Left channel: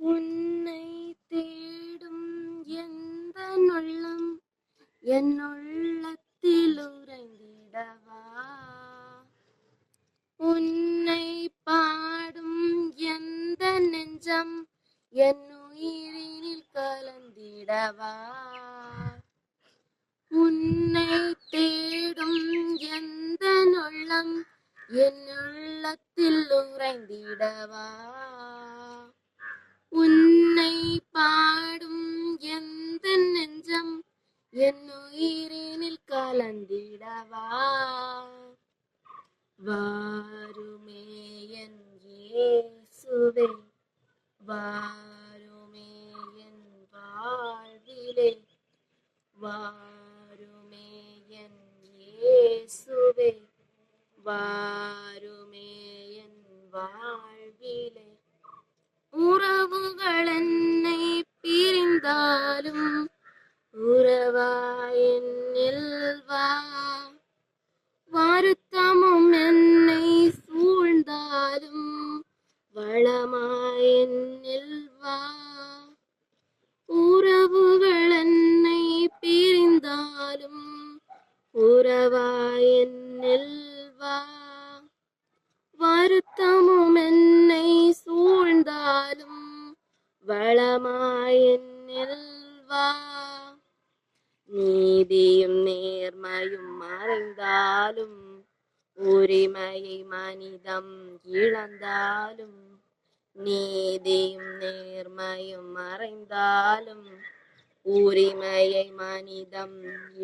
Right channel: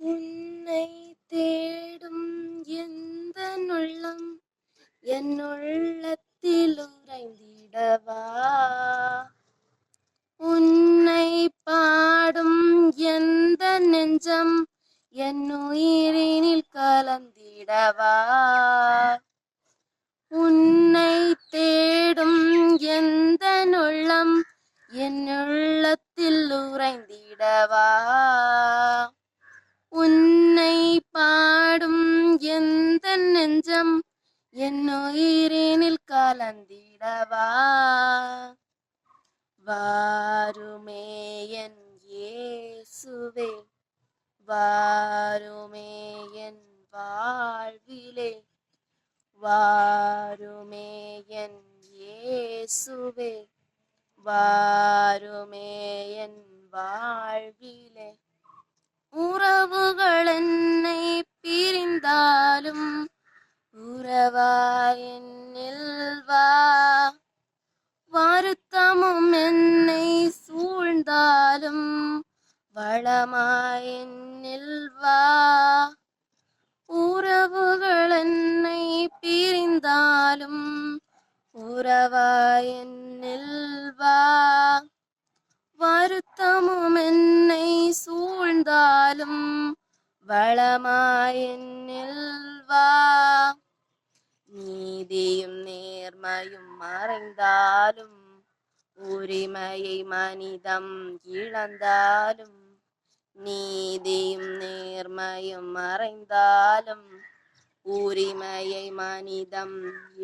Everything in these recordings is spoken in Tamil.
உன்னை தேடும் எந்த உள்ளம் என் உள்ளத்தில் உறைந்திடவா. உன்னை பாடும் எந்த நெஞ்சம் என் உயிரினில் கலந்திடவா. உன்னை தேடும் எந்த உள்ளம் என் உள்ளத்தில் உறைந்திடவா. உன்னை பாடும் எந்த நெஞ்சம் என் உயிரினில் கலந்திடவா. வாருமே என் இயேசுவே, வாருமே என் வாழ்விலே. வாருமே என் இயேசுவே, வாருமே என் வாழ்விலே. உறவுகள் என்னை பிரிந்தாலும் உறவாய் என்னில் வா. வருத்தமும் என்னை சூழ்ந்தாலும் வளமாய் என்னில் வா. உறவுகள் என்னை பிரிந்தாலும் உறவாய் என்னில் வா. வருத்தமும் என்னை சூழ்ந்தாலும் வளமாய் என்னில் வா. நீதியும் நேர்மையும் மறைந்தாலும் உரிமையை மனிதம் இழந்தாலும். நீதியும் நேர்மையும் மறைந்தாலும் உரிமையை மனிதம்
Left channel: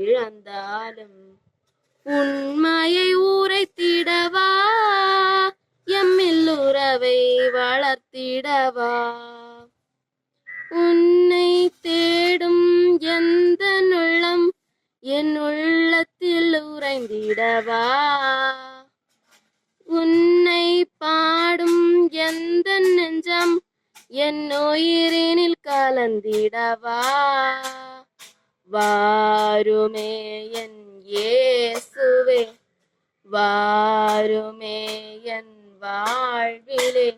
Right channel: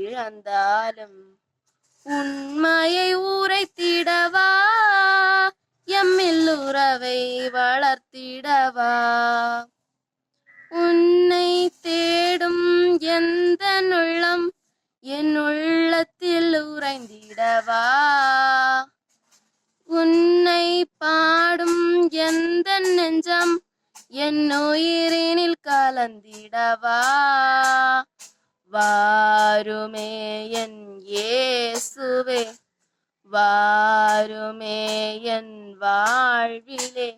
இழந்தாலும். உண்மையை உரைத்திடவா, எம்மில் உறவை வளர்த்திடவா. உன்னை தேடும் எந்த உள்ளம் என் உள்ளத்தில் உறைந்திடவா. உன்னை பாடும் எந்த நெஞ்சம் என் உயிரினில் கலந்திடவா. வாருமே என் இயேசுவே, வாருமே என் வாழ்விலே.